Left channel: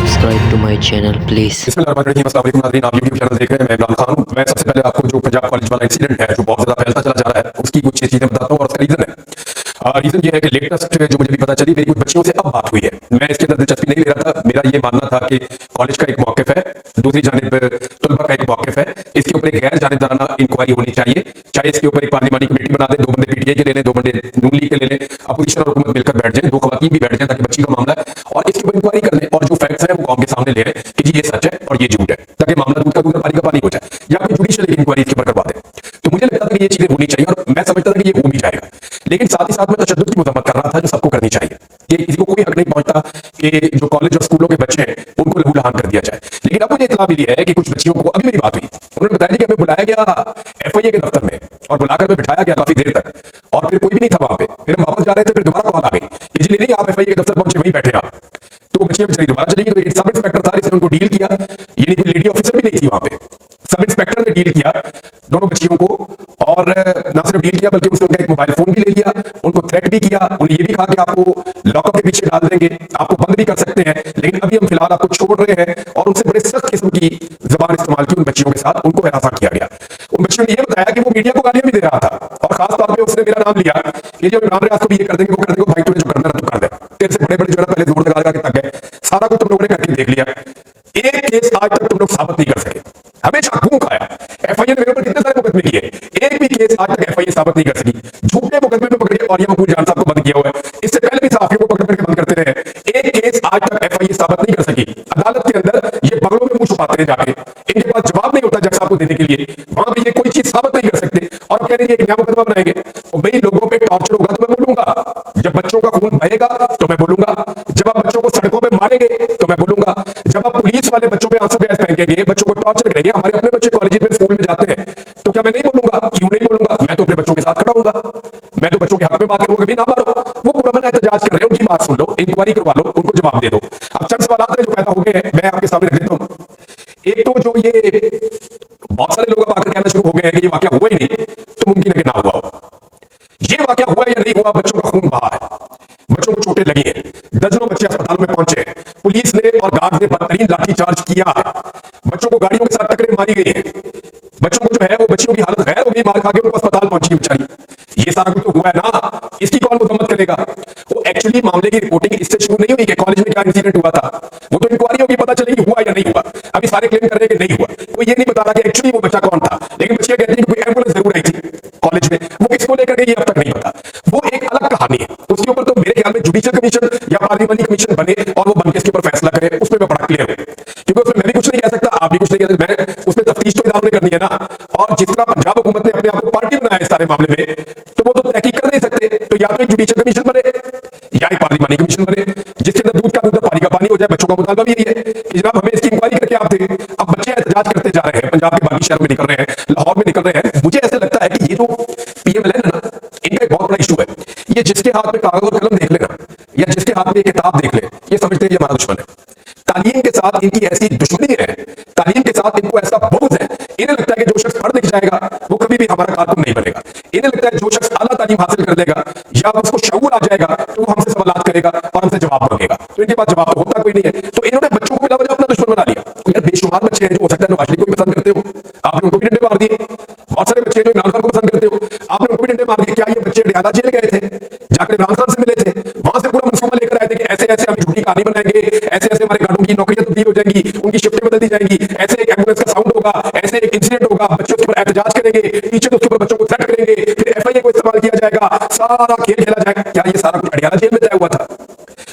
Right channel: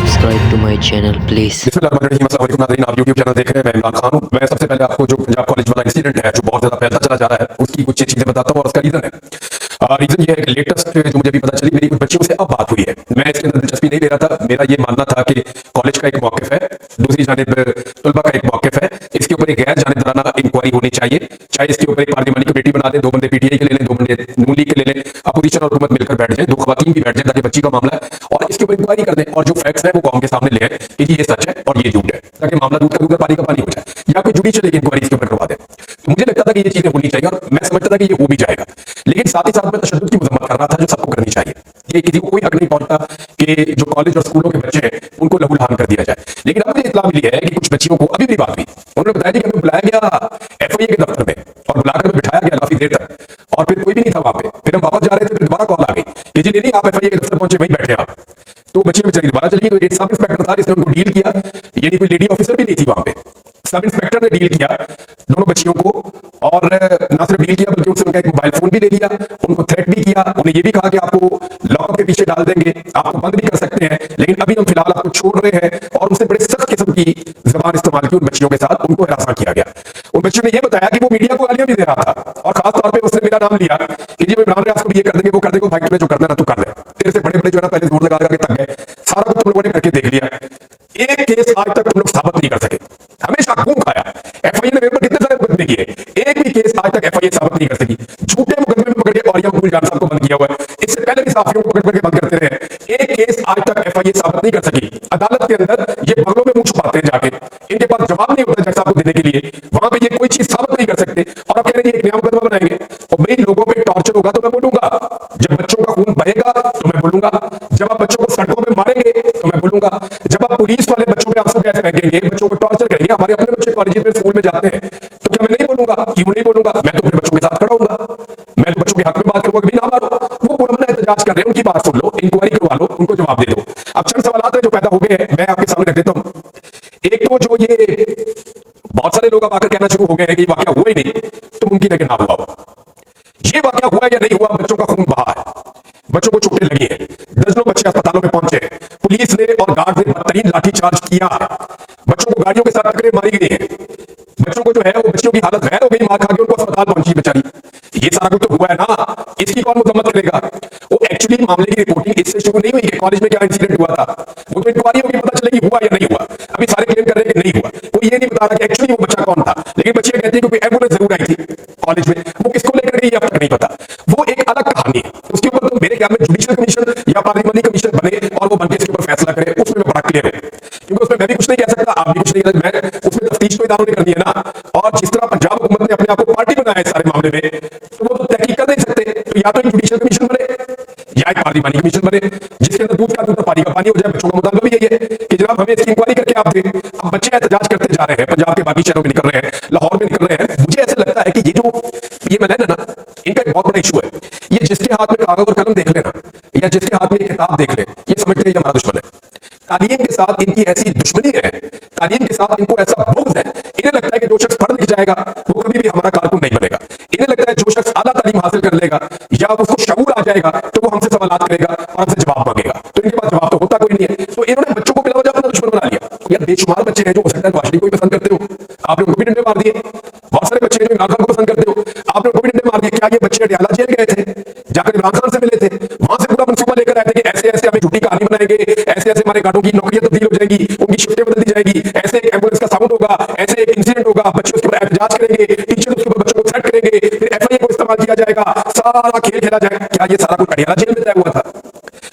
subscribe to my channel please। बिस्मिल्लाहिर्रहमानिर्रहीम। अस्सलाम वालेकुम नाज़रीन, आप यूट्यूब चैनल देख रहे हैं। मैं इमरान खान हूँ। मैं सबसे पहले आपको जो पंजाब कॉलेज वाला इंसिडेंट है जो बहुत ज़्यादा फैलता चला जा रहा है उसकी कुछ चीज़ें बताता हूँ और उसका रीज़न है। रीज़न ये है कि लेटेस्ट जो मुझे भी पता चली, मेरी कुछ बच्चियों से अब बात हुई है। मैं इसके अंदर दिलचस्पी नहीं ले रहा था। मेरा ये मानना था कि कॉलेज का एक मौक़िफ़ है, दूसरी जानिब तलबा का एक मौक़िफ़ है, इसके ऊपर एक गैर जानिबदाराना इंक्वायरी होनी चाहिए। चाहे इसके ऊपर एक पार्लिमानी कमेटी बना दें, 2 बंदे पीटीआई के ले लें, 2 बंदे नून लीग के ले लें, अपोजिशन और हुकूमत मिलकर बैठ जाएं, 2 खवातीन भी बैठ जाएं ताकि बच्ची का मामला है और इसके ऊपर इंक्वायरी कर लें और जो फैक्ट्स हैं वो कौम के सामने ले आए कि जी ये सच है और ये झूठ है, ताकि मामला दूध का दूध और पानी का पानी हो जाए, या कोई जुडिशियल एक इंक्वायरी इसके ऊपर करवा दे। तो मुझे लगता था कि ये चीजें होनी चाहिए और मैं समझता था कि ये हो भी जाएगा, लेकिन साथ ही साथ मैं तशद्दुद की मजम्मत कर रहा था जो सबको करनी चाहिए कि किसी को कोई हक नहीं पहुंचता कि जो कॉलेज और स्कूलों के बच्चे हैं उनको लहू लहान कर दिया जाए। लेकिन अब मुझे इत्तला मिली है कि कुछ बच्चियों को, अभी मेरी बात हुई, उन्होंने बताया कि हमें बुलाया गया एफआईए के दफ्तर में और बुलाकर में बिठाया गया काफी देर तक और फिर कोई भी नहीं था वहां पे। फिर हम वापस जा रहे थे, फिर दोबारा कॉल आ गई कि जी नहीं आप एफआईए के दफ्तर पहुंचे, वहीं बैठे आप। तो बच्चियां बेचारी दोबारा चली गई। तो एक सब इंस्पेक्टर था जिसने उनको डील किया, यानी कोई लेडी ऑफिसर भी नहीं थी वहां पे, सब इंस्पेक्टर ने डील किया दोनों बच्चियों को, और ना सिर्फ डील किया बल्कि उनसे उनका एक मोबाइल फोन भी ले लिया, उनको थ्रेट भी किया, उन्हें यह भी कहा कि आपको लॉकअप के पीछे डाल देंगे, आपको बंद भी कर सकते हैं, लेकिन अभी हम फिलहाल आपको छोड़ रहे हैं। और उनसे बड़े सख्त किस्म की जबान इस्तेमाल की उन बच्चियों के साथ, उनको हिरासा किया गया। उन बच्चियों ने यह बताया कि वो मीडिया को गालियां भी दे रहा था और खास तौर पर उसने मेरा नाम लिया कि जी इमरान रियाज को भी ये कर देंगे, वो कर देंगे, भाई तुम्हें जो करना है तू कर दे, तेरे से बड़े बड़े जो है ना पहले जोर लगा के तक गए, सारा कुछ तुम लोगों ने करके देख लिया, एक केस आज तक तुम लोग साबित नहीं कर सके, हमेशा घूम खाया। एफआईए ने मेरे ऊपर कितने सारे मुकदमे किए, एक भी केस आज तक एफआईए साबित नहीं कर सकी। झूठे मुकदमे में पकड़ के औरिया मकबूल जान साहब को बंद किया हुआ है, इससे पहले भी सहाफियों को पकड़ के बंद करते रहे, एक केस आज तक एफआईए साबित नहीं कर सकी। अदालत के अंदर ये बगलों में मुंह छुपाते हैं जाके, इनके पास जवाब नहीं होता जज साहब को देने के लिए, वहां पे ये कोई चीज साबित नहीं कर सकते और अब कह रहे हैं एक नया मुकदमा बनाएंगे। और भाई लोगों पे टॉर्चर होगा तो मैं बोलूंगा, जब बच्चों का खून बहेगा तो मैं बोलूंगा, जब आप बच्चों को सड़कों पे मारेंगे तो मैं बोलूंगा, जब आप पुलिस वाले बच्चों पे आंसू गैस फेंकेंगे, बच्चों को टॉर्चर करेंगे, हमारे अपने बच्चे कॉलेज में स्कूल में जाते हैं, तो क्या मैं नहीं बोलूंगा? क्यों नहीं बोलूंगा? मैं तो अपने बच्चों के साथ खड़ा हूंगा, मैं तो बच्चों के हक में बात करूंगा कि ना मारो। वो पुरअमन एहतजाज कर रहे हैं, उनकी बात सुन लो, इंक्वायरी करवा लो, उनको जवाब दे दो। अब चंद सवाल हैं जो पैदा हो गए हैं, मैं आपके सामने रख देता हूं। एक तो जो ये बहुत सारे लोग अब आकर कहना शुरू हो गए हैं कि ये वाकया हुआ ही नहीं, तो मुमकिन है कि ना हुआ हो। ये वाकया हुआ या नहीं हुआ, बच्चों का खून बहा है, बच्चों को चोटें लगी हैं, दर्जनों बच्चे अस्पतालों में पहुंचे, पुलिस ने और गार्ड ने बदतरीन लाठीचार्ज किया है, बच्चों को गाड़ियों के साथ टक्करें मारी गई हैं, बच्चों को जो है वो बच्चियों की हालत गैर हो गई, मार खा के उनको अस्पताल पहुंची है बेचारी। ये सारा कुछ तो हुआ है ना, इसकी कौन मजम्मत करेगा? वो एक्चुअली मामले की रिपोर्टिंग इससे शुरू नहीं हुई कि कॉलेज में क्या इंसिडेंट हुआ था, वो तो इंक्वायरी होगी, पता चलेगी हुआ या नहीं हुआ। अभी सारे क्लेम कर रहे हैं कि नहीं हुआ, कोई ये नहीं बता रहा कि एक्चुअली वो बच्चा कौन था, लेकिन बच्चियां कहती हैं कि कोई एम्बुलेंस जरूर आई थी कॉलेज में, वो किसको लेकर गई ये अब तक नहीं पता। वो एक अलग कहानी है, उसके ऊपर तो मेरे ख्याल में जुडिशियल कमीशन या पार्लिमानी कमीशन बने और वो बनके इसके ऊपर फैसला करे, उसमें मैं बड़ा क्लियर हूं, क्योंकि उसमें मैं भी कुछ नहीं कह सकता, आप भी कुछ नहीं कह सकते, मैं उसमें तफ्तीश तो इदारों ने करनी है ना। और जिस तरह पंजाब हुकूमत ने अपने आप को पार्टी बनाया है इस सारे मामले में, तो वो तो तहकीक कर नहीं सकते, तो या तो एक जुडिशियल कमीशन बने या एक पार्लिमानी कमीशन बने जिसके अंदर दूध का दूध और पानी का पानी हो जाए। बच्चों का मुतालबा भी यही है कि जनाब हमें इसकी इंक्वायरी करके आप दें। अब बच्चे एहतजाज करते जा रहे हैं, पंजाब के बाकी शहरों में निकल रहे हैं, लाहौर में निकल रहे हैं। मुझे ऐसे लगता है कि ये जो पीएमएलएन है ना, इनका एक बहुत बड़ा इशू है। ये जिसके हाथ में कागज और कलम देख लेना या जिसके हाथ में ये किताब देख ले, ये समझते हैं ये हमारा दुश्मन है। तालीम के साथ इनकी ऐसी दुश्मनी है, तालीम के साथ इनको ऐसा बुग़्ज़ है, इन्हें लगता है कि जो शख्स पढ़ लिख जाएगा वो कभी भी हमारा कारकुन नहीं बनेगा। इन्हें लगता है जो शख्स आला तालीम हासिल कर लेगा या उसको शऊर आ जाएगा तो वो हमसे सवालात करेगा और हमसे जवाब मांगेगा, तो इनके पास जवाब तो होता कोई नहीं है। तो इन्होंने बच्चों को बिला वजह अपना दुश्मन बना लिया। यार बेशुमार बच्चे हैं जो हो सकता है नवाज शरीफ को भी पसंद करते हो, आपने उनको भी डंडे मार दिए। बहुत सारे बच्चे हैं जो इमरान खान को पसंद करते हो, आपने उनको भी डंडे मार दिए। क्या ये बच्चे अडयाला जेल गए थे, जाकर इमरान खान से मिले थे, वहां से पूरा मंसूबा लेकर आए थे कि ऐसे ऐसे हमें झूठी कहानी बनाएंगे, ऐसे ऐसे हमारे गार्डों की नौकरियां तब्दील हो जाएंगी, उनकी शिफ्टें बदल दी जाएंगी, ऐसे एक एम्बुलेंस का साउंड होगा, ऐसे एक इंसिडेंट होगा, बच्चे उसके ऊपर एहतजाज करेंगे, टीचर उसके ऊपर बच्चों को थ्रेट करेंगे, फिर एफआईए को इस्तेमाल किया जाएगा, सारा खेल खेला जाएगा। क्या ये सारा कुछ अडयाला जेल में तय हुआ था?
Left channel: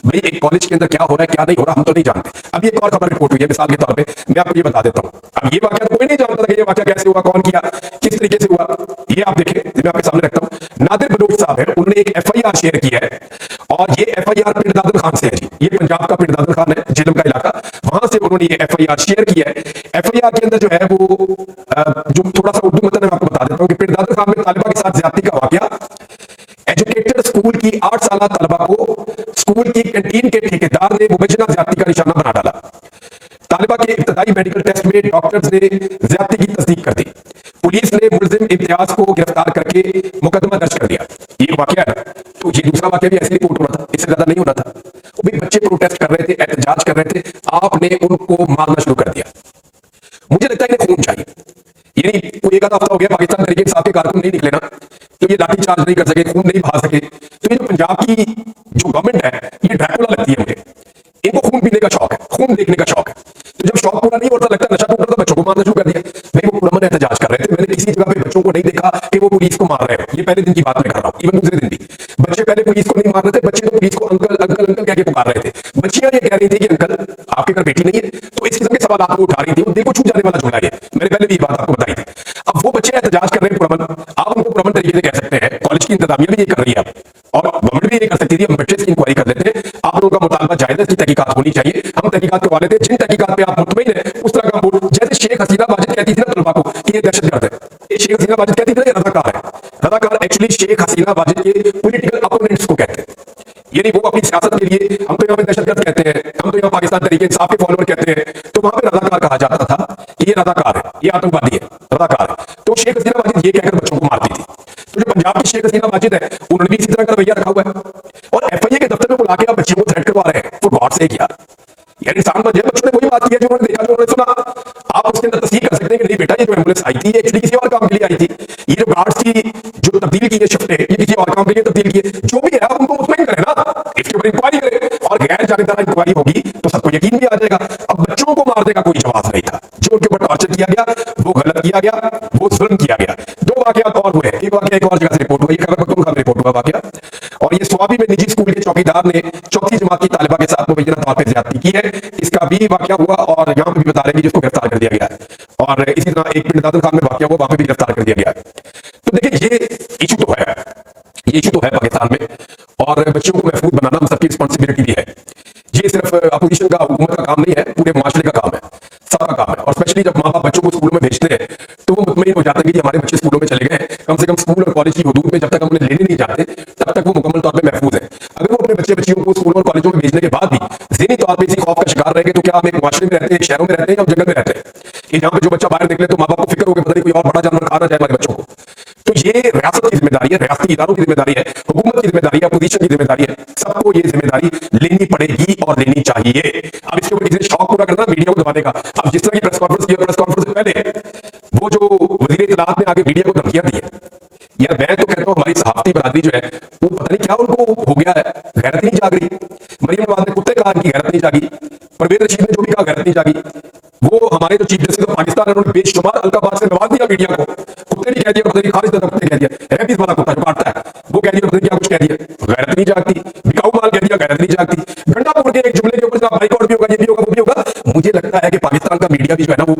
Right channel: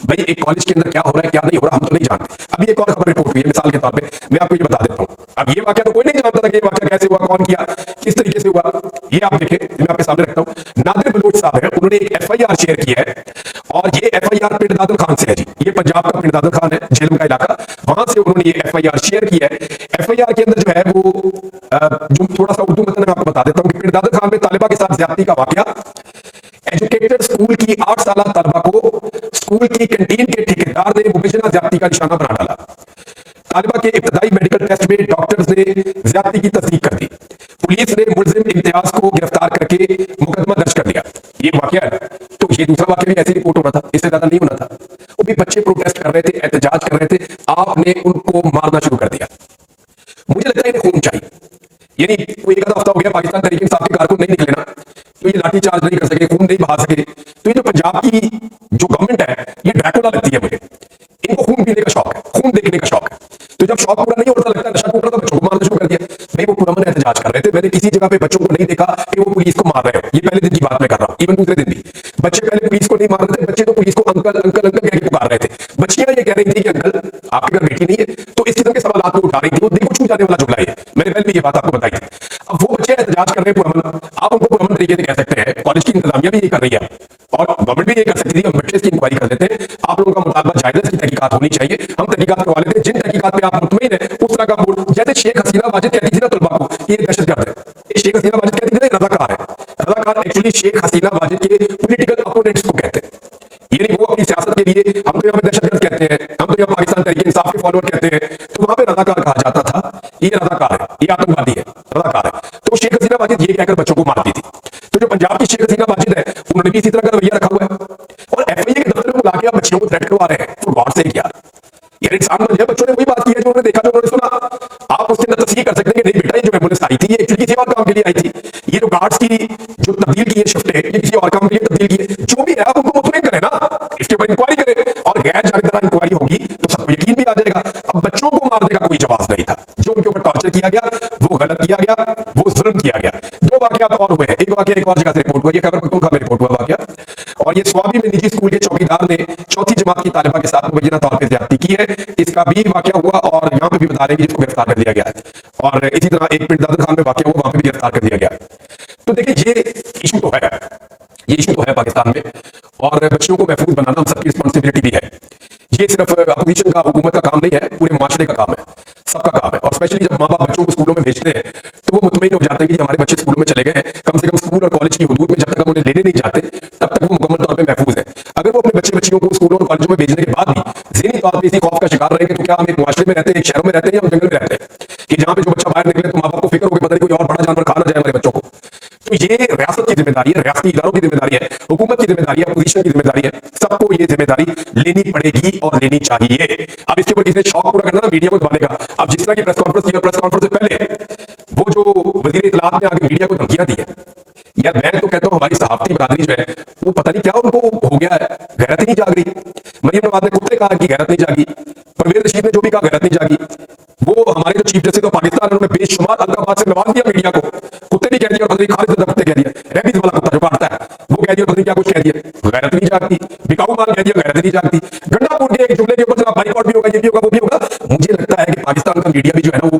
भाई एक कॉलेज के अंदर क्या हो रहा है क्या नहीं हो रहा हम तो नहीं जानते। अभी एक और खबर रिपोर्ट हुई है, मिसाल के तौर पे मैं आपको ये बता देता हूं। अब ये वाकया तो कोई नहीं जानता था कि ये वाकया कैसे हुआ, कौन किया, किस तरीके से हुआ। ये आप देखें, मैं आपके सामने रखता हूं। नादिर बलोच साहब हैं, उन्होंने एक एफआईआर शेयर किया है और ये एफआईआर पिंड दादन खान से है जी। ये पंजाब का पिंड दादन खान है, झेलम का इलाका, वहां से उन्होंने ये एफआईआर शेयर किया है। एफआईआर के अंदर जो है वो जो थोड़ा सा उर्दू मतन मैं आपको बता देता हूं कि पिंड दादन खान में तालिबा के साथ ज्यादती का वाकया। एजुकेटेड स्कूल की 8 साल तलबा को स्कूल की कैंटीन के ठेकेदार ने मुबैना ज्यादती का निशाना बना डाला। तालिबा के इब्तदाई मेडिकल टेस्ट में डॉक्टर्स ने ज्यादती की तस्दीक कर दी। पुलिस ने मुलजिम इम्तियाज को गिरफ्तार करके मुकदमा दर्ज कर लिया। ये एक वाकया है ना, तो ये दूसरा वाकया भी ऐसी रिपोर्ट होना था, इससे ज्यादा नहीं होना था। वो भी बच्चे प्रोटेस्ट कर रहे थे, एहतजाज कर रहे थे, आपने उनको मारना शुरू कर दिया। मुझे लगता है इन्हें खून चाहिए। यानी कोई एक आधा हफ्ता हो गया पाकिस्तान तहरीक इंसाफ के कारकुन नहीं निकले ना, तो ये लाठी चार्ज नहीं कर सके, खून नहीं बहा सके। तो ये जो पंजाब की जो गवर्नमेंट है ये ड्रैकुला लगती है मुझे। इनको खून पीने का शौक है, खून देखने का शौक है। तो जब शौक पूरा नहीं होता, लगता है नशा टूट रहा था, बच्चों को मारना शुरू कर दिया। भाई वो पुरअमन एहतजाज कर रहे थे, मैंने किसी जगह पे बच्चों को नहीं देखा कि वो पुलिस को मार रहे हो। ये पहले दिन की बात मैं कर रहा हूं, इवन दूसरे दिन भी बच्चे पहले पुलिस को नहीं मार रहे थे, बच्चे तो पुलिस को अंकल अंकल अंकल कह के पुकार रहे थे। बच्चियां ये कह रही थी कि अंकल आपके घर बेटी नहीं है। तो इस किस्म के सवाल वो उठा रही थी। वो दिल को छू जाने वाला जुमला है, मैंने पहले भी ये बात आपको बताई थी। अब वो बच्चे एहतजाज कर रहे हैं पुरअमन, आप उनको पुरअमन तरीके से कह सकते हैं, कॉलेज की इंतजामिया भी ये कर रही है और गवर्नमेंट भी ये कर सकती थी। हम बच्चे इसकी इंक्वायरी कर लेते हैं, आप लोगों का मुतालबा जायज है, इसकी तहकीकात होनी चाहिए, हम तहकीकात करवा लेते हैं। जिन तहकीकात पे आप मुतमईन है उस तरह का बोर्ड, जैसे शेख हसीना वाजिद कहती थी ना तलबा को कि ये दहशतगर्द है, शेख हसीना वाजिद कहती थी ना ये रजाकार है। रजाकार एक्चुअली शेख हसीना वाजिद के पॉलिटिकल अपोनेंट्स को कहते हैं। यानी वो अपनी सियासत के लिए, हम तो यहाँ पे दहशतगर्द कहते हैं, हम तो यहाँ पाकिस्तान तहरीक इंसाफ के फॉलोअर कहते हैं, तो वहां पे रजाकार कहा जाता था कि ये रजाकार है, ये आतंकवादी है, रजाकार है। तो शेख हसीना वाजिद ये कहकर बच्चों को मारती थी। तो जो पंजाब की शेख हसीना वाजिद है उन्होंने भी इसी तरह का रवैया रखा हुआ है और एफआईए के दफ्तर में बुला के आप बच्चियों को थ्रेट करवा रहे हैं। फॉर गॉड सेक यार इंसान बन जाए। बच्चों ने वही बात की है जो उन्होंने देखा, जो उन्होंने सुना। आप उसके अंदर तस्दीक कर सकते हैं कि नहीं बेटा ये जो एम्बुलेंस आई थी ये एक्चुअली किसी और काम के लिए आई थी, ये जो गार्ड्स की जो तब्दील की है शिफ्ट है ये किसी और काम के लिए तब्दील की है। जो भी है आप उनको मुतमईन करें ना, इसके ऊपर इंक्वायरी करें और गैर जानिबदार इंक्वायरी होगी तो सबको यकीन भी आ जाएगा। अब बच्चों को मारने का कोई जवाब नहीं था, जो उनके ऊपर टॉर्चर किया गया वो गलत किया गया, वो जुल्म किया गया। दो वाकयात और हुए हैं, एक वाकया एक और जगह से रिपोर्ट हुआ, ये खैबर पख्तूनख्वा में रिपोर्ट हुआ वाकया, और ये स्वाबी में निजी स्कूल के चौकीदार ने चौथी जमात की तालिबा के साथ मुबैना तौर पर ज्यादती की है, इसका भी वाकया हुआ और यहां पर भी बता रहे हैं कि जिसको गिरफ्तार कर दिया गया है। और इसी तरह एक पिंड दादन खान में वाकया हुआ, वहां पे भी गिरफ्तार कर दिया गया। तो देखिए ये इशू तो है, ये इशू तो है पाकिस्तान में, और बच्चियों को महफूज बनाना हम सबकी रिस्पॉन्सिबिलिटी भी है। ये सिर्फ अपोजिशन का, हुकूमत का काम नहीं है, पूरे मुआशरे का काम है, सबका काम है। और स्पेशली जब माँ बाप बच्चों को स्कूलों में भेजते हैं तो वो मुतमईन हो जाते हैं कि हमारे बच्चे स्कूलों में चले गए हैं, कम से कम स्कूल और कॉलेज की हुदूद में जब तक हम उन्हें लेने नहीं जाते तब तक वो मुकम्मल तौर पे महफूज है। अगर वो अपने बच्चे बच्चियों को स्कूलों और कॉलेजों में भेजने के बाद भी ज़हनी तौर पे इसी खौफ का शिकार रहेंगे तो क्या हम एक मुआशरे में रहते हैं, एक शहरों में रहते हैं या हम जंगल में रहते हैं कि जहां पे जो बच्चा बाहर निकले तो माँ बाप को फिक्र हो गया पता नहीं कोई और बड़ा जानवर खा ना जाए हमारे बच्चों को। तो ये रियासत की जिम्मेदारी है, रियासती इदारों की जिम्मेदारी है, हुकूमत की जिम्मेदारी है, अपोजिशन की जिम्मेदारी है, सबको ये जिम्मेदारी लेनी पड़ेगी और लेनी चाहिए। अब इसके ऊपर किसी ने शौक पूरा करना मीडिया को दबाने का। अब जिस तरह की प्रेस कॉन्फ्रेंस की, प्रेस कॉन्फ्रेंस से पहले वो जो वजीर इत्तलात ने आगे मीडिया को धमकियां दी है, यार मैं तो कहता हूं हमारी सहाफती बरादरी जो है वो पता नहीं क्या उनको हो गया है, गैरत ही नहीं जाग रही। मरियम नवाज ने कुत्ते कहा इनकी गैरत नहीं जागी, परवेज रशीद ने जो भी कहा गैरत नहीं जागी। वो हमारे जो चीफ जस्टिस ऑफ पाकिस्तान है उन्होंने बेशुमार अलकाबात से नवाज दिया मीडिया को, कुत्ते भी कह दिया और पता नहीं खारिज दादा कुत्ते कह दिया, रेबीज वाला कुत्ता जो काटता है वो कह दिया और पता नहीं क्या कुछ कह दिया, गैरत नहीं जागती। बिकाऊ माल कह दिया, गैरत नहीं जागती। गंडापुर के एक जुमले के ऊपर जनाब बाइकआउट भी होगा, ये भी होगा, वो भी होगा। मुझे लगता है कि पाकिस्तान का मीडिया भी जो है ना वो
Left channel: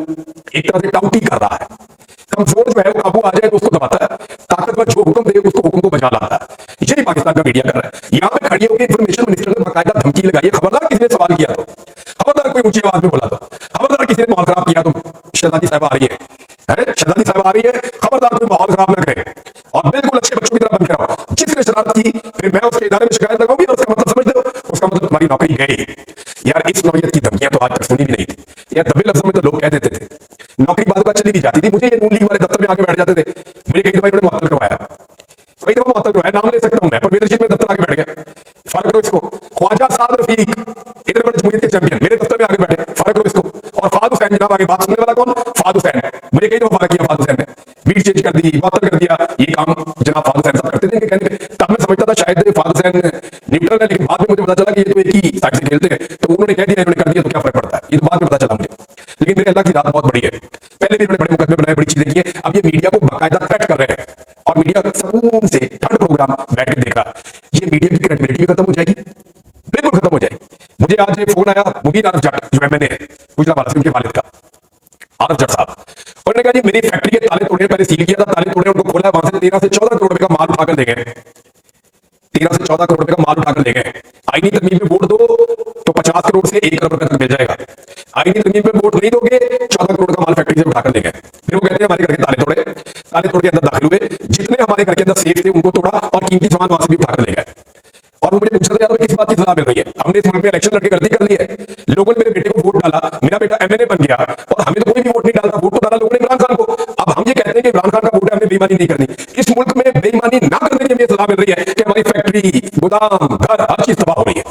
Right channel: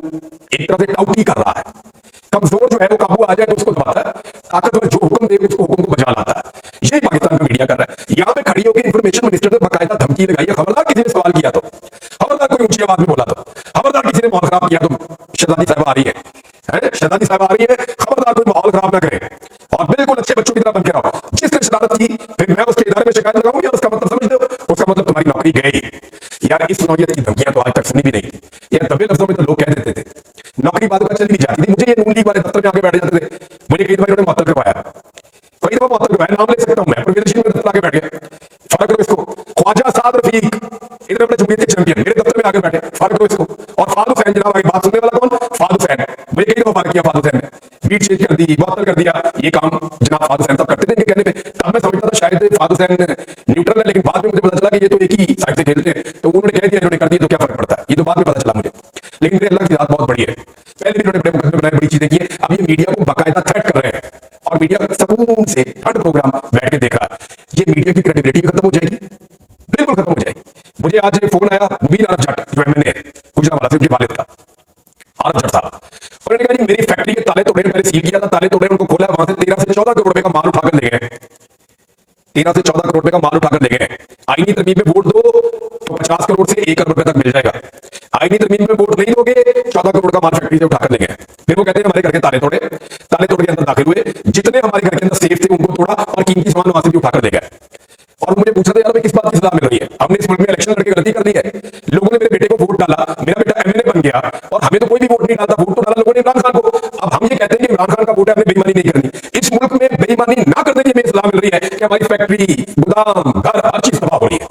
एक तरह से टाउटी कर रहा है। कमजोर जो है वो काबू आ जाए तो उसको दबाता है, ताकतवर जो हुक्म दे उसको हुक्म को बजा लाता है। यही पाकिस्तान का मीडिया कर रहा है। यहां पे खड़ी होकर इंफॉर्मेशन मिनिस्टर ने बाकायदा धमकी लगाई है, खबरदार किसी ने सवाल किया तो, खबरदार कोई ऊंची आवाज में बोला तो, खबरदार किसी ने माहौल खराब किया तो शहजादी साहब आ रही है, शहजादी साहब आ रही है, खबरदार कोई माहौल खराब ना करे और बिल्कुल अच्छे बच्चों की तरह बन के रहो। जिसने शरारत की फिर मैं उसके इदारे में शिकायत लगाऊंगी और उसका मतलब समझ दो, उसका मतलब तुम्हारी नौकरी गई। यार इस नौयत की धमकियां तो आज तक सुनी भी नहीं थी। यार दबे लफ्जों में तो लोग कह देते थे, नौकरी बाद का चली भी जाती थी। मुझे ये नून लीग वाले दफ्तर में आगे बैठ जाते थे, मुझे कई दफा इन्होंने मुअत्तल करवाया, कई दफा मुअत्तल करवाया, नाम ले सकता हूं मैं, परवेज रशीद मेरे दफ्तर आगे बैठ गया, फर्क करो इसको। ख्वाजा साद रफीक इतने बड़े जमहूरियत के चैंपियन मेरे दफ्तर में आगे बैठे, फर्क करो इसको। और फाद हुसैन जनाब आगे बात सुनने वाला कौन, फाद हुसैन, मुझे कई दफा फर्क किया फाद हुसैन ने, बीट चेंज कर दी, मुअत्तल कर दिया, ये काम जनाब फाद हुसैन सब करते थे इनके कहने पे। तब मैं समझता था शायद फाद हुसैन न्यूट्रल है, लेकिन बाद में मुझे पता चला कि ये तो एक ही साइड से खेलते हैं, तो उन्होंने कह दिया इन्होंने कर दिया तो क्या फर्क पड़ता है, ये तो बाद में पता चला मुझे। लेकिन मेरे अल्लाह की जात बहुत बड़ी है, पहले भी इन्होंने बड़े मुकदमे बनाए, बड़ी चीजें की है। अब ये मीडिया को बाकायदा थ्रेट कर रहे हैं और मीडिया सुकून से ठंड प्रोग्राम बैठ के देख रहा है। ये मीडिया की क्रेडिबिलिटी भी खत्म हो जाएगी, बिल्कुल खत्म हो जाएगी। मुझे आज फोन आया मुबीन आरफ जट जो एमएनए है गुजरावाला से, उनके वालिद का, आरफ जट साहब, उन्होंने कहा जी मेरी फैक्ट्री के ताले तोड़े, पहले सील किया था, ताले तोड़े, उनको खोला, वहां से 13 से 14 करोड़ रुपए का माल उठाकर ले गए, 13 से 14 करोड़ रुपए का माल उठाकर ले गए। आईनी तरमीम में वोट दो तो 50 करोड़ से 1 करोड़ रुपए तक मिल जाएगा, आईनी तरमीम में वोट नहीं दोगे 14 करोड़ का माल फैक्ट्री से उठाकर ले गए। फिर वो कहते हैं हमारे घर के ताले तोड़े, ताले तोड़ के अंदर दाखिल हुए, जितने हमारे घर के अंदर सेफ थे उनको तोड़ा और कीमती सामान वहां से भी उठाकर ले गए। और वो मुझे पूछ रहे थे यार भाई किस बात की सजा मिल रही है, हमने इस मुल्क में इलेक्शन लड़के गलती कर ली है, लोगों ने मेरे बेटे को वोट डाला, मेरा बेटा एमएनए बन गया और हमें तो कोई भी वोट नहीं डालता, वोट तो डाला लोगों ने इमरान खान को। अब हम ये कहते हैं कि इमरान खान का वोट है, हमने बेईमानी नहीं करनी। इस मुल्क में बेईमानी ना करने की हमें सलाह मिल रही है कि हमारी फैक्ट्री, गोदाम, घर, हर चीज तबाह हो रही है।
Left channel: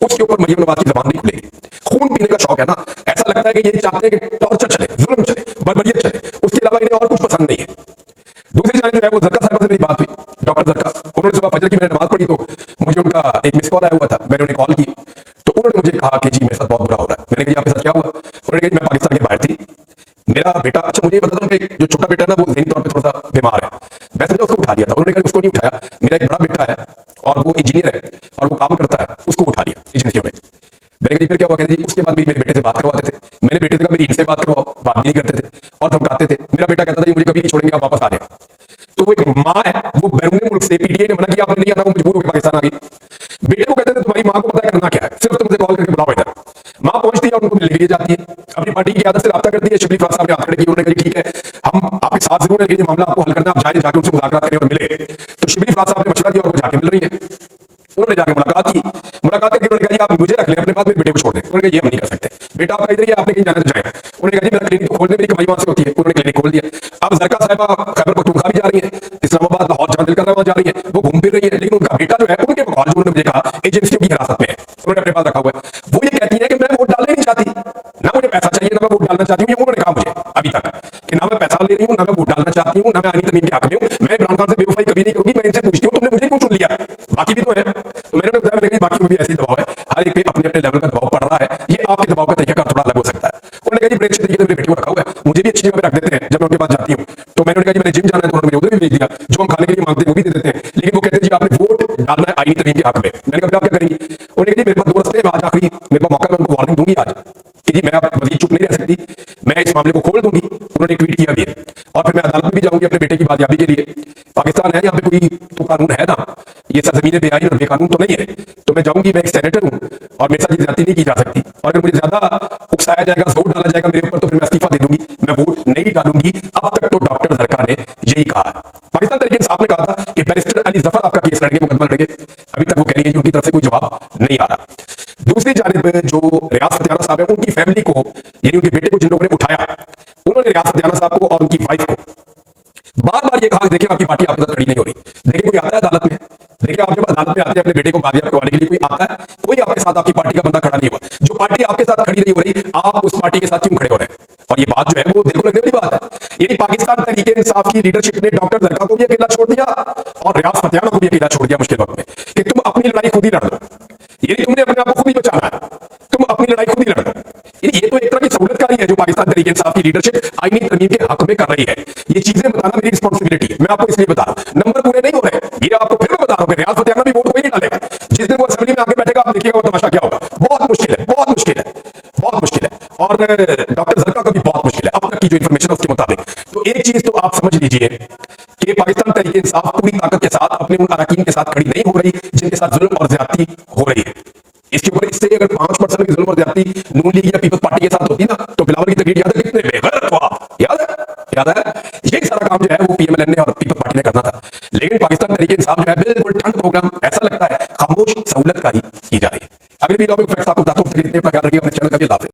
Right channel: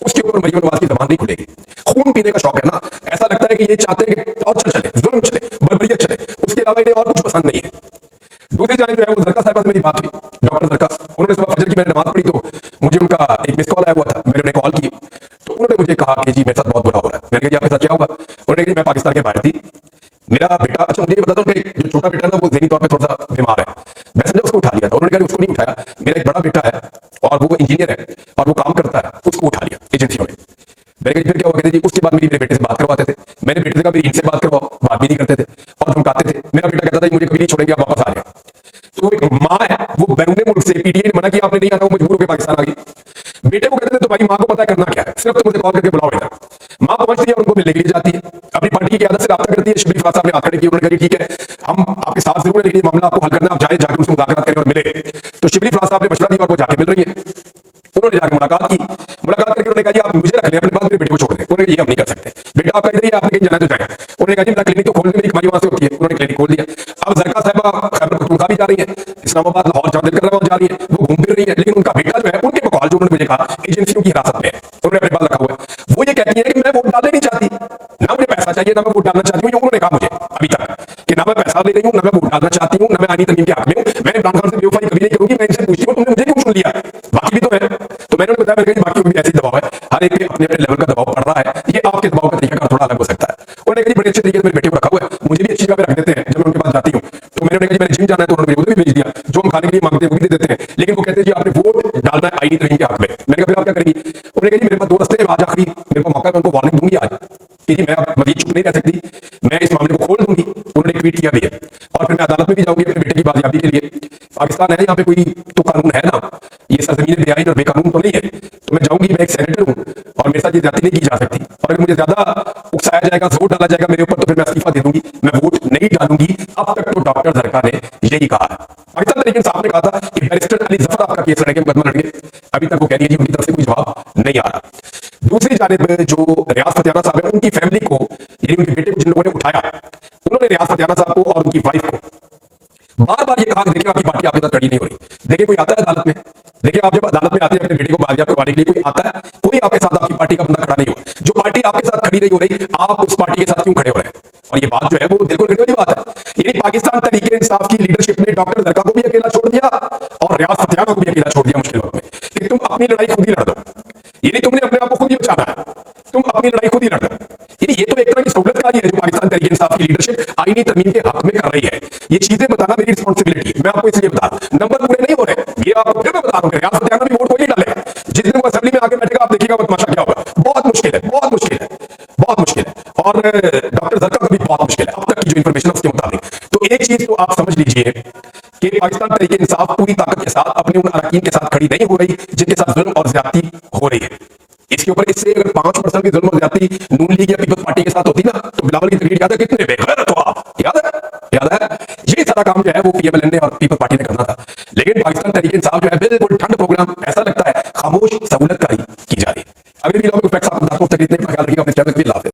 उसके ऊपर मरियम नवाज की जबान नहीं खुलेगी। खून पीने का शौक है ना, ऐसा लगता है कि ये चाहते हैं कि टॉर्चर चले, जुल्म चले, बर्बरियत चले, उसके अलावा इन्हें और कुछ पसंद नहीं है। दूसरी जाने जो है वो जरका साहिबा से मेरी बात हुई, डॉक्टर जरका। उन्होंने सुबह फजर की मैंने नमाज पढ़ी तो मुझे उनका एक मिस कॉल आया हुआ था, मैंने उन्हें कॉल की तो उन्होंने मुझे कहा कि जी मेरे साथ बहुत बुरा हो रहा है। मैंने कहा जी आपके साथ क्या हुआ? उन्होंने कहा जी मैं पाकिस्तान के बाहर थी, मेरा बेटा, अच्छा मुझे ये बता दो, उनका एक जो छोटा बेटा है ना वो ज़हनी तौर पे थोड़ा सा बीमार है, मैं समझा उसको उठा लिया था। उन्होंने कहा उसको नहीं उठाया, मेरा एक बड़ा बेटा है और वो इंजीनियर है और वो काम करता है, उसको उठा लिया एजेंसियों ने। मैंने कहा जी फिर क्या हुआ? कहते जी उसके बाद मेरे बेटे से बात करवाते थे। मैंने बेटे से कहा मेरी इनसे बात करवाओ, बात भी नहीं करते थे और धमकाते थे। मेरा बेटा कहता था मुझे कभी नहीं छोड़ेंगे, आप वापस आ जाए। तो वो एक माँ है, वो बैरूने मुल्क से पीटीआई ने मना किया आपने नहीं आना, वो मजबूर होकर पाकिस्तान आ गई। बेटे को कहते थे तुम्हारी माँ को पता है करना क्या है, सिर्फ तुम मुझे कॉल करके बुलाओ इधर। माँ पहुंचती है और उनको मिलने के लिए जाती है, अपनी पार्टी की क़यादत से राब्ता करती है। शिबली फराज साहब ने हाथ खड़े किए, उन्होंने कहा जी ठीक है हम आपके साथ जरूर है, लेकिन ये मामला आपको हल करना, आप जाए जाके उनसे मुज़ाकरात करें और मिले। तो शिबली फराज साहब ने मशवरा दिया और वो जाके मिल रही है। उन्होंने जाके मुलाकात की, मुलाकात करके उन्होंने कहा जी आप मुझे रख लें अपने पास, मेरे बेटे को छोड़ दें। उन्होंने कहा ये हम नहीं कर सकते, बेटा आपका इधर ही है, आपने कहीं जाना है तो जाए। उन्होंने कहा जी मेरा क्लिनिक तो खोल दे, मेरी कमाई वहां से होती है। उन्होंने क्लिनिक खोल दिया। अब जरका साहिबा खैबर पख्तूनख्वा भी जा रही है, इस्लामाबाद, लाहौर, जहां दिल कर रहा है वहां जा रही है, वो घूम फिर रही है। लेकिन उनका बेटा जो है उनके बकौल जो उन्होंने मुझे कहा एजेंसियों की हिरासत में है, उन्होंने अपने पास रखा हुआ है। वो ये कहती है कि मैं वोट डालने नहीं चाहती, ना मुझे पैसा चाहिए, ना मैं वोट डालना चाहती हूँ। ये उन्होंने कहा मुझे अभी तक कि ना मैं पैसा ले रही हूँ, ना मैं वोट डालना चाहती हूँ, ना मैं आनी तमीम के हक में हूँ, मैं इमरान खान से बेवफाई कभी नहीं करूंगी। मैं इनसे पूछती हूँ तुमने मुझे क्यों चुन लिया, बाकी भी तो है। तो मैंने उन्हें बताया, मैंने कहा बाकी में भी ऐसे ही दबाव है, हर एक पे अपने अपने लेवल का दबाव पड़ रहा है, ये आपके दबाव का तरीका थोड़ा अलग हो सकता है। उन्होंने कहा जी बड़े अच्छे तरीके से मेरे बेटे को रखा हुआ है, मुझे भी अच्छी जगह पे रख देते हैं जब मैं उनके पास जाती हूँ। तो मैंने उन्हें कहा जी मैंने जिम जाना है, तो उन्होंने मुझे उधर भी भेज दिया, जो हम खाने के लिए मांगते हैं वो भी दे देते हैं। लेकिन वो कहते हैं जी आपने वोट डालना है आईनी तमीम के हक में। मैंने कहा फिर आप क्या करेंगी? उन्होंने कहा जी मेरे पास दो रस्ते हैं, आज आखिरी मेरे पास मौका है, मैं उनको वार्निंग दूंगी आज कि जी मैं अब मजीद चुप नहीं रह सकती, मैं इस मामले को खोल दूंगी। उन्होंने ट्वीट किया भी है और फिर मैं अदालत में भी जाऊंगी अपने बेटे की बाजियाबी के लिए। पाकिस्तान है, यहाँ पे कोई तो कानून है ना, ये सरजमीन बेआईन और बेकानून तो नहीं है। तो मैं जाऊंगी, मैं एक सेनेटर हूं और मेरे साथ ये ज्यादती नहीं की जा सकती। और अगर मुझे ज्यादा उकसाया जाएगा, जोर डाला जाएगा मेरे ऊपर, तो फिर मैं इस्तीफा दे दूंगी, मैं वोट नहीं डालूंगी। अब तक तो डॉक्टर जरका ने यही कहा है। पाकिस्तान तरीके इंसाफ ने कहा था कि बैरिस्टर अली जफर आपका केस लड़ेंगे, मुकदमा लड़ेंगे, अभी तक वो कह रही है जी उनकी तरफ से कोई जवाब नहीं आ रहा। दूसरी जानिब जो रियाज फतियाना साहब है, उनकी फैमिली को, यानी उनके बेटे को जिन लोगों ने उठाया, उन्होंने रियाज फतियाना साहब को और उनकी वाइफ को बार बार ये कहा कि देखिए आपकी पार्टी आपके साथ खड़ी नहीं हो रही। देखिए कोई आता है अदालत में, देखिए आप जब अदालत में आते हैं अपने बेटे को बाजियाब करवाने के लिए, कोई आता है, कोई आपके साथ आपकी पार्टी का बंदा खड़ा नहीं हुआ। जो पार्टी आपके साथ खड़ी नहीं हो रही, आप उस पार्टी के साथ क्यों खड़े हो रहे हैं? और ये बात जो है वो दिल को लगने वाली बात है। यानी पाकिस्तान तरीके इंसाफ की लीडरशिप ने डॉक्टर जरका को भी अकेला छोड़ दिया और रियाज फतियाना को भी अकेला छोड़ दिया मुश्किल वक्त में कि तुम अपनी लड़ाई खुद ही लड़ दो। यानी तुमने अपने आप को खुद ही बचाना है, तुम अपनी लड़ाई खुद ही लड़ दो। यानी ये तो एक तरह की सहूलतकारी है जो पाकिस्तान तरीके इंसाफ की लीडरशिप आईनी तरमीम के हक में कर रही है। ये चीजें बताना मेरी रिस्पांसिबिलिटी है, मैं आपको इसलिए बता रहा हूं। नंबर पूरे नहीं हो रहे, ये आपको फिर मैं बता रहा हूं कि रियाज फतियाना भी वोट कोई नहीं डालेगा। जिस दिन वो असेंबली में आके बैठेगा आप देखिएगा वो तमाशा क्या होगा। बहुत मुश्किल है, बहुत मुश्किल है, बहुत मुश्किल है। और डॉक्टर जरका का भी बहुत मुश्किल है अब तक की जो इंफॉर्मेशन है उसके मुताबिक। तो एक चीज तो आप समझ लीजिए कि पाकिस्तान तरीके इंसाफ पूरी ताकत के साथ अपने उन अरकान के साथ खड़ी नहीं हो रही जिनके साथ जुल्म और ज्यादती हो रही है। इसके ऊपर इससे अगर 5% की जुल्म और ज्यादती नून लीग या पीपल्स पार्टी के साथ होती ना, तो बिलावल की तकरीर याद है, कितने बेगैरत हो आप, याद है, याद है। यही सारा काम जो है वो पीएमएलएन ने और पीपल्स पार्टी ने करना था। लेकिन पाकिस्तान तरीके इंसाफ जो है बिल्कुल ठंड प्रोग्राम, ऐसा लगता है खामोश सहूलतकारी की जा रही है। अगले वीडियो में फैक्ट्स आपको बताता हूं। तक इतने अपना ख्याल रखिएगा, अपने चैनल का भी लाभ है।